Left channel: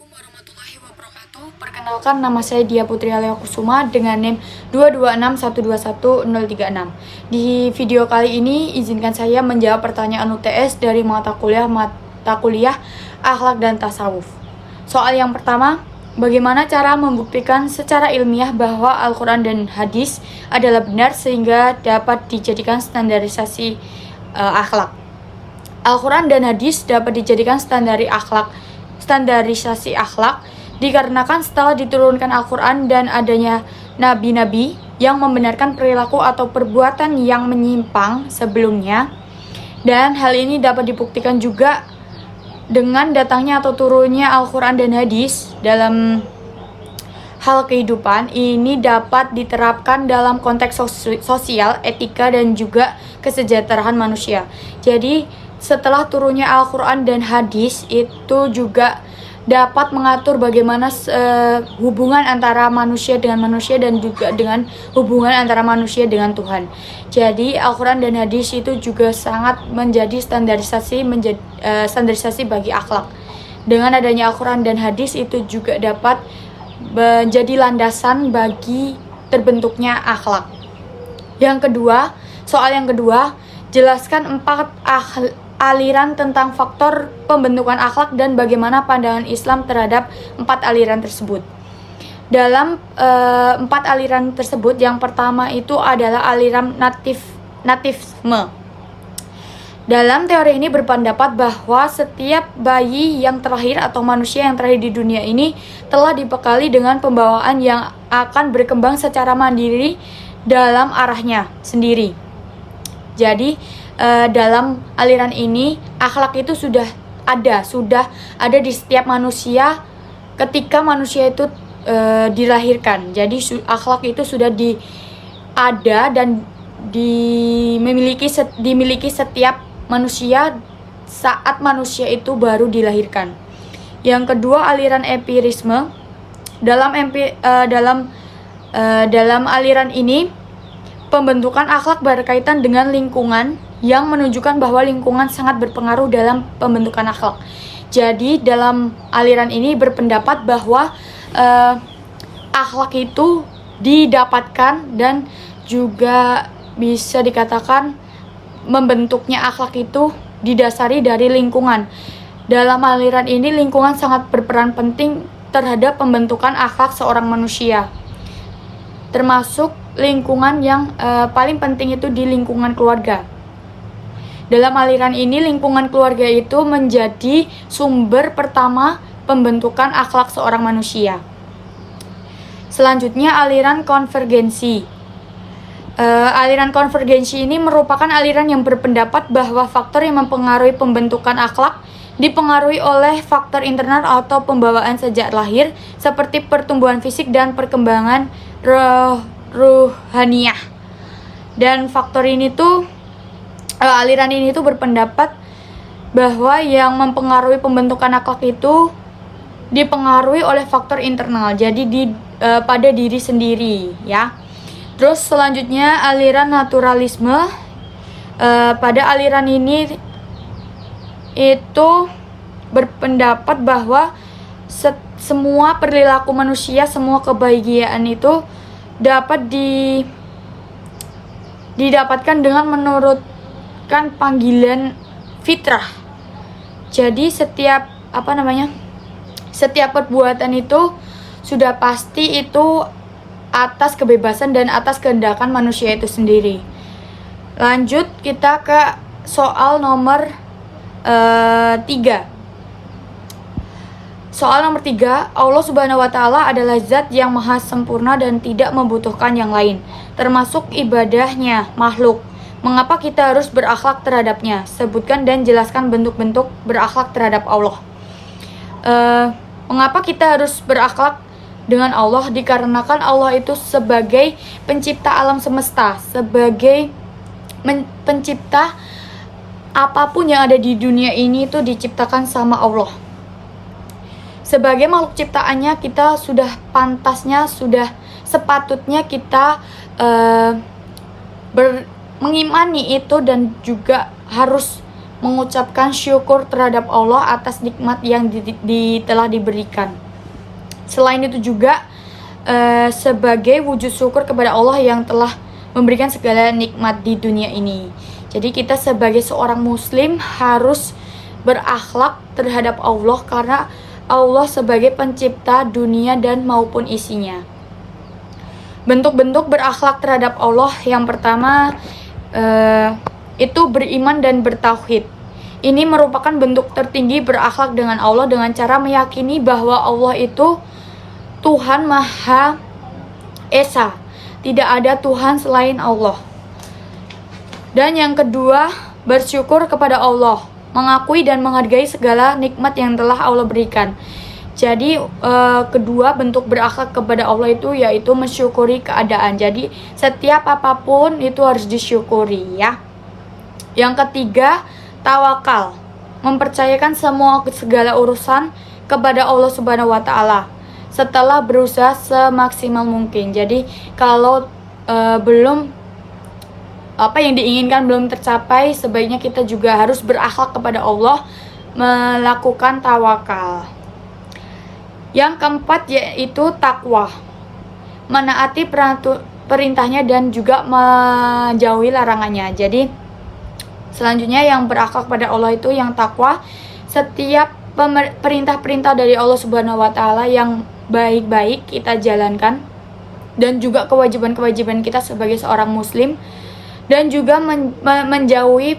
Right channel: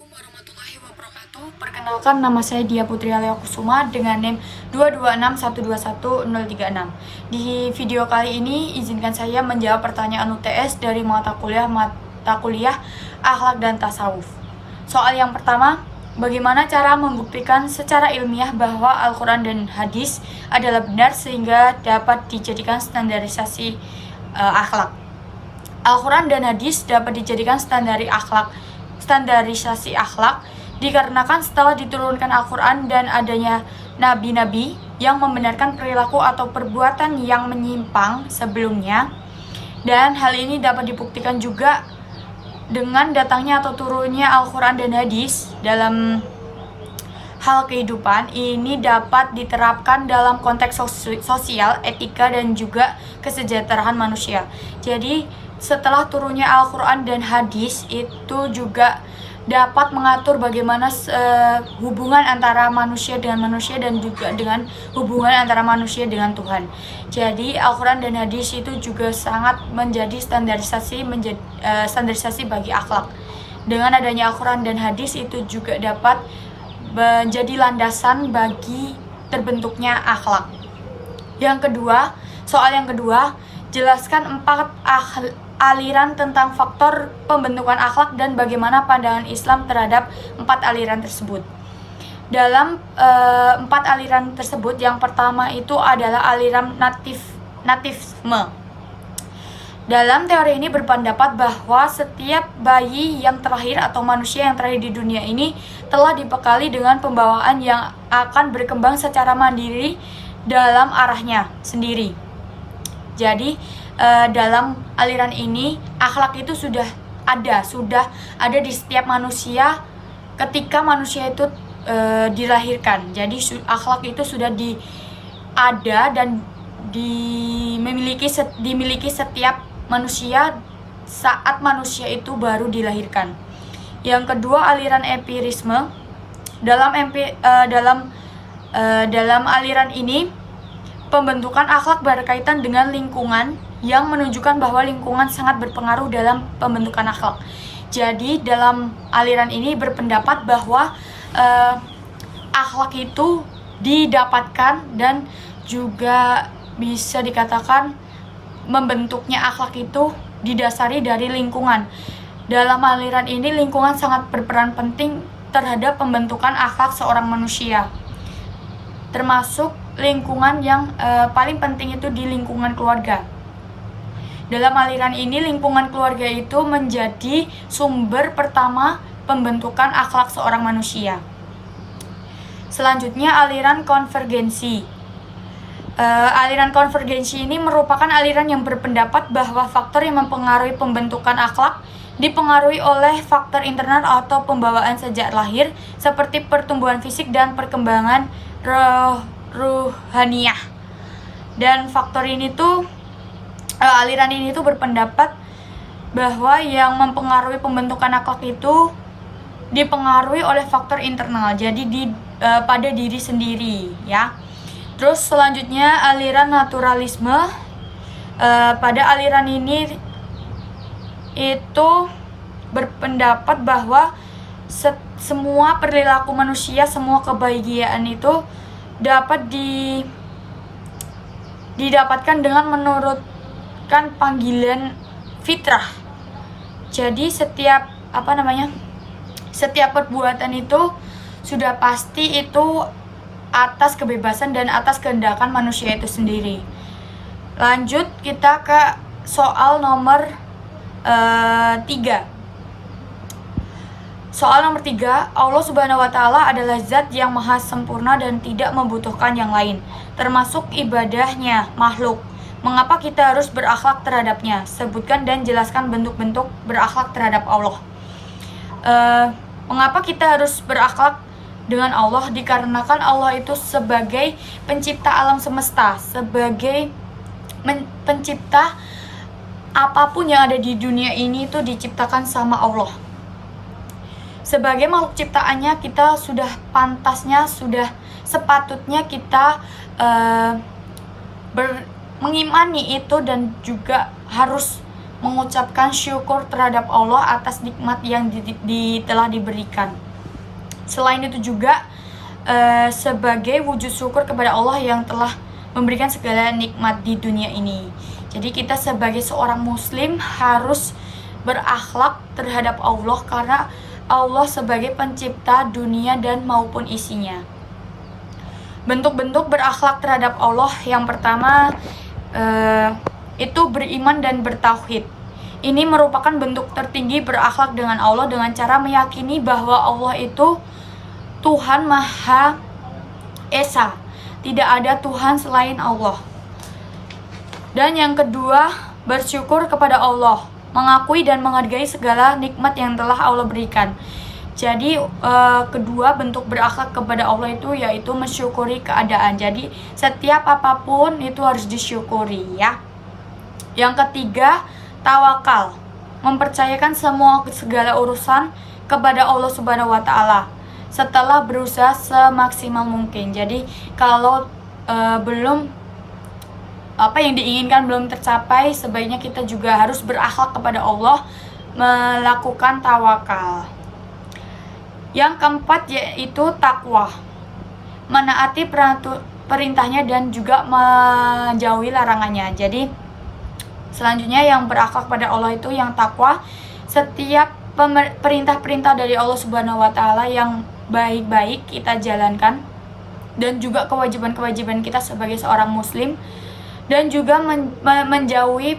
Assalamualaikum warahmatullahi wabarakatuh. Perkenalkan, nama saya Dia Putri Alea Kusuma dengan NIM 226121036. Di video kali ini izinkan saya menjawab pertanyaan UTS dari mata kuliah Akhlak dan Tasawuf. Soal yang pertama, bagaimana cara membuktikan secara ilmiah bahwa Al-Quran dan hadis adalah benar sehingga dapat dijadikan standarisasi akhlak? Al-Quran dan hadis dapat dijadikan standarisasi akhlak dikarenakan setelah diturunkan Al-Quran dan adanya nabi-nabi yang membenarkan perilaku atau perbuatan yang menyimpang sebelumnya, dan hal ini dapat dibuktikan juga dengan datangnya atau turunnya Al-Quran dan hadis dalam hal kehidupan. Ini dapat diterapkan dalam konteks sosial, etika, dan juga kesejahteraan manusia. Jadi setelah turunnya Al-Quran dan hadis itu juga dapat mengatur bagaimana hubungan antara manusia dengan manusia dan juga dengan hubungan antara manusia dengan Tuhan. Jadi Al-Quran dan hadis itu juga sangat menjadi standarisasi bagi akhlak. Dengan adanya Al-Quran dan hadis itu juga dapat menjadi landasan bagi terbentuknya akhlak. Soal yang kedua, jelaskan 4 aliran tentang faktor pembentukan akhlak dan bagaimana pandangan Islam terhadap 4 aliran tersebut. Dalam 4 aliran tersebut, yang pertama itu adalah aliran natifisme. Dalam teori ini berpendapat bahwa setiap bayi yang terlahir atau manusia yang terlahir di dunia ini telah dibekali dengan pembawaan yang akan berkembang secara mandiri dalam arahnya sendiri. Jadi dalam aliran ini akhlak itu sudah ada di setiap manusia ketika manusia itu dilahirkan. Jadi akhlak itu sudah ada dan dimiliki setiap manusia saat manusia itu baru dilahirkan. Yang kedua, aliran empirisme. Dalam aliran ini pembentukan akhlak berkaitan dengan lingkungan, yang menunjukkan bahwa lingkungan sangat berpengaruh dalam pembentukan akhlak. Jadi dalam aliran ini berpendapat bahwa akhlak itu didapatkan dan juga bisa dikatakan membentuknya akhlak itu didasari dari lingkungan. Dalam aliran ini lingkungan sangat berperan penting terhadap pembentukan akhlak seorang manusia, termasuk lingkungan yang paling penting itu di lingkungan keluarga. Dalam aliran ini lingkungan keluarga itu menjadi sumber pertama pembentukan akhlak seorang manusia. Selanjutnya, aliran konvergensi. Aliran konvergensi ini merupakan aliran yang berpendapat bahwa faktor yang mempengaruhi pembentukan akhlak dipengaruhi oleh faktor internal atau pembawaan sejak lahir, seperti pertumbuhan fisik dan perkembangan ruhaniah. Dan faktor ini tuh aliran ini tuh berpendapat bahwa yang mempengaruhi pembentukan akhlak itu dipengaruhi oleh faktor internal, jadi pada diri sendiri, ya. Terus selanjutnya, aliran naturalisme. Pada aliran ini itu berpendapat bahwa semua perilaku manusia, semua kebahagiaan itu dapat didapatkan dengan menurutkan panggilan fitrah. Jadi setiap perbuatan itu sudah pasti itu atas kebebasan dan atas kehendakan manusia itu sendiri. Lanjut kita ke soal nomor 3. Soal nomor 3, Allah Subhanahu wa Ta'ala adalah zat yang maha sempurna dan tidak membutuhkan yang lain, termasuk ibadahnya makhluk. Mengapa kita harus berakhlak terhadapnya? Sebutkan dan jelaskan bentuk-bentuk berakhlak terhadap Allah. Mengapa kita harus berakhlak dengan Allah? Dikarenakan Allah itu sebagai pencipta alam semesta, sebagai pencipta apapun yang ada di dunia ini itu diciptakan sama Allah. Sebagai makhluk ciptaannya, kita sudah sepatutnya kita mengimani itu dan juga harus mengucapkan syukur terhadap Allah atas nikmat yang telah diberikan. Selain itu juga sebagai wujud syukur kepada Allah yang telah memberikan segala nikmat di dunia ini. Jadi kita sebagai seorang muslim harus berakhlak terhadap Allah karena Allah sebagai pencipta dunia dan maupun isinya. Bentuk-bentuk berakhlak terhadap Allah yang pertama itu beriman dan bertauhid. Ini merupakan bentuk tertinggi berakhlak dengan Allah dengan cara meyakini bahwa Allah itu Tuhan Maha Esa. Tidak ada Tuhan selain Allah. Dan yang kedua, bersyukur kepada Allah, mengakui dan menghargai segala nikmat yang telah Allah berikan. Jadi kedua bentuk berakhlak kepada Allah itu yaitu mensyukuri keadaan. Jadi setiap apapun itu harus disyukuri ya. Yang ketiga, tawakal, mempercayakan segala urusan kepada Allah Subhanahu wa taala setelah berusaha semaksimal mungkin. Jadi kalau belum apa yang diinginkan belum tercapai, sebaiknya kita juga harus berakhlak kepada Allah, melakukan tawakal. Yang keempat yaitu takwa, menaati perintahnya dan juga menjauhi larangannya. Jadi selanjutnya yang berakhlak pada Allah itu yang takwa, setiap perintah-perintah dari Allah Subhanahu wa taala yang baik-baik kita jalankan, dan juga kewajiban-kewajiban kita sebagai seorang muslim, dan juga menjauhi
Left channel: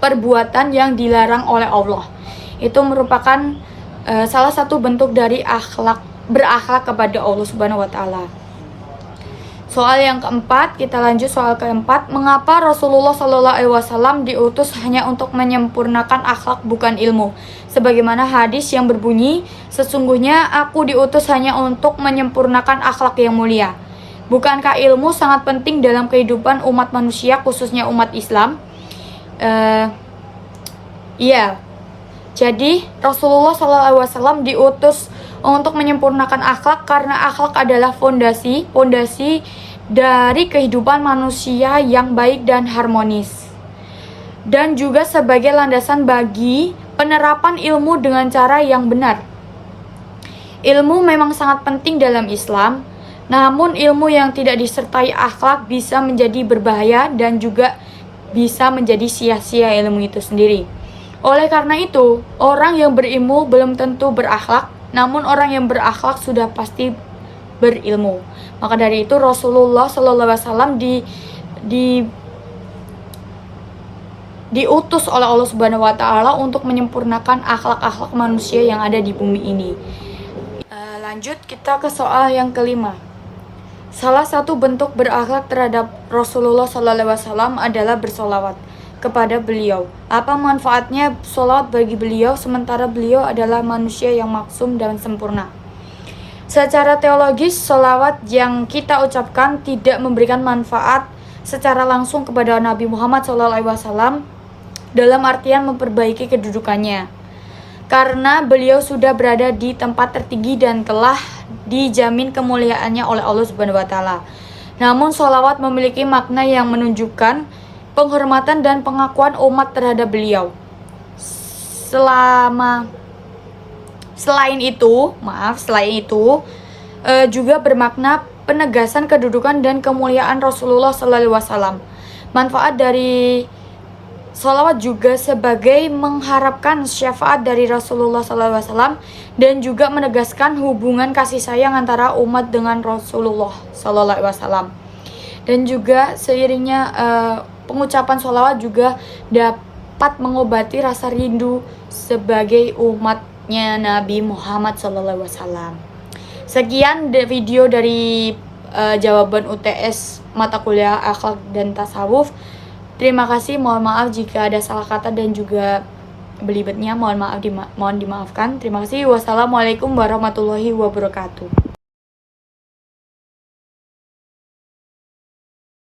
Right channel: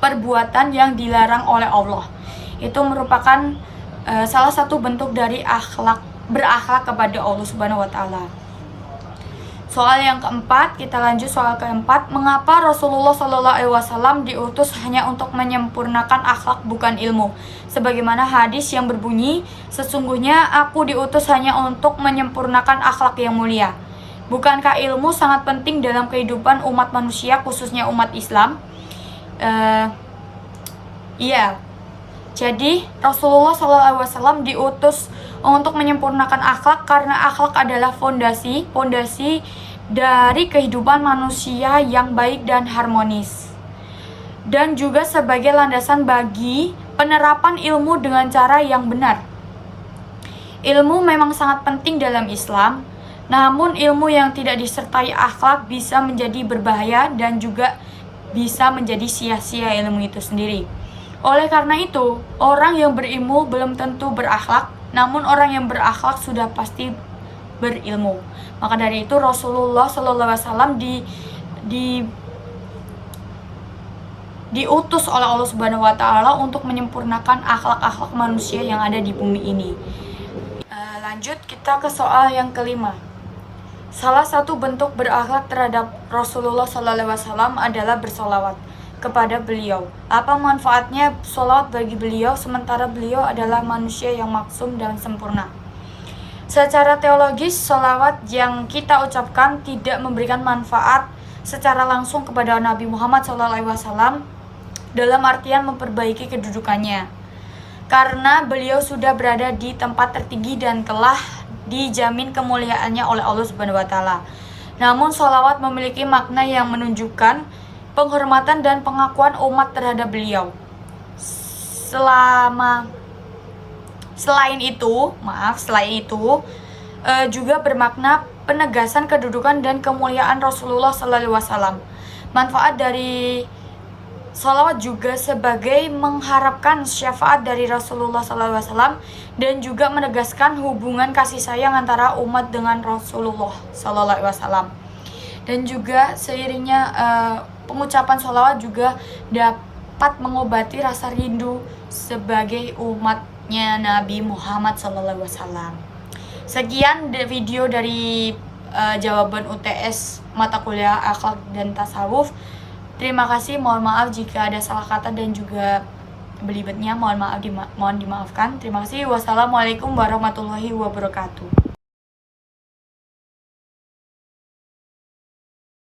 perbuatan yang dilarang oleh Allah. Itu merupakan salah satu bentuk dari berakhlak kepada Allah Subhanahu wa taala. Soal yang keempat, kita lanjut soal keempat. Mengapa Rasulullah SAW diutus hanya untuk menyempurnakan akhlak bukan ilmu? Sebagaimana hadis yang berbunyi, sesungguhnya aku diutus hanya untuk menyempurnakan akhlak yang mulia. Bukankah ilmu sangat penting dalam kehidupan umat manusia, khususnya umat Islam? Iya. Jadi Rasulullah SAW diutus untuk menyempurnakan akhlak karena akhlak adalah fondasi dari kehidupan manusia yang baik dan harmonis, dan juga sebagai landasan bagi penerapan ilmu dengan cara yang benar. Ilmu memang sangat penting dalam Islam, namun ilmu yang tidak disertai akhlak bisa menjadi berbahaya dan juga bisa menjadi sia-sia ilmu itu sendiri. Oleh karena itu, orang yang berilmu belum tentu berakhlak, namun orang yang berakhlak sudah pasti berilmu. Maka dari itu Rasulullah SAW diutus oleh Allah Subhanahu wa taala untuk menyempurnakan akhlak-akhlak manusia yang ada di bumi ini. Lanjut kita ke soal yang kelima. Salah satu bentuk berakhlak terhadap Rasulullah SAW adalah bersolawat kepada beliau. Apa manfaatnya solawat bagi beliau sementara beliau adalah manusia yang maksum dan sempurna? Secara teologis, sholawat yang kita ucapkan tidak memberikan manfaat secara langsung kepada Nabi Muhammad SAW dalam artian memperbaiki kedudukannya, karena beliau sudah berada di tempat tertinggi dan telah dijamin kemuliaannya oleh Allah Subhanahu wa taala. Namun sholawat memiliki makna yang menunjukkan penghormatan dan pengakuan umat terhadap beliau. Selain itu, juga bermakna penegasan kedudukan dan kemuliaan Rasulullah SAW. Manfaat dari sholawat juga sebagai mengharapkan syafaat dari Rasulullah SAW dan juga menegaskan hubungan kasih sayang antara umat dengan Rasulullah SAW. Dan juga seiringnya pengucapan sholawat juga dapat mengobati rasa rindu sebagai umatnya Nabi Muhammad SAW. Sekian video dari jawaban UTS mata kuliah akhlak dan tasawuf. Terima kasih, mohon maaf jika ada salah kata dan juga belibetnya, mohon dimaafkan. Terima kasih. Wassalamualaikum warahmatullahi wabarakatuh.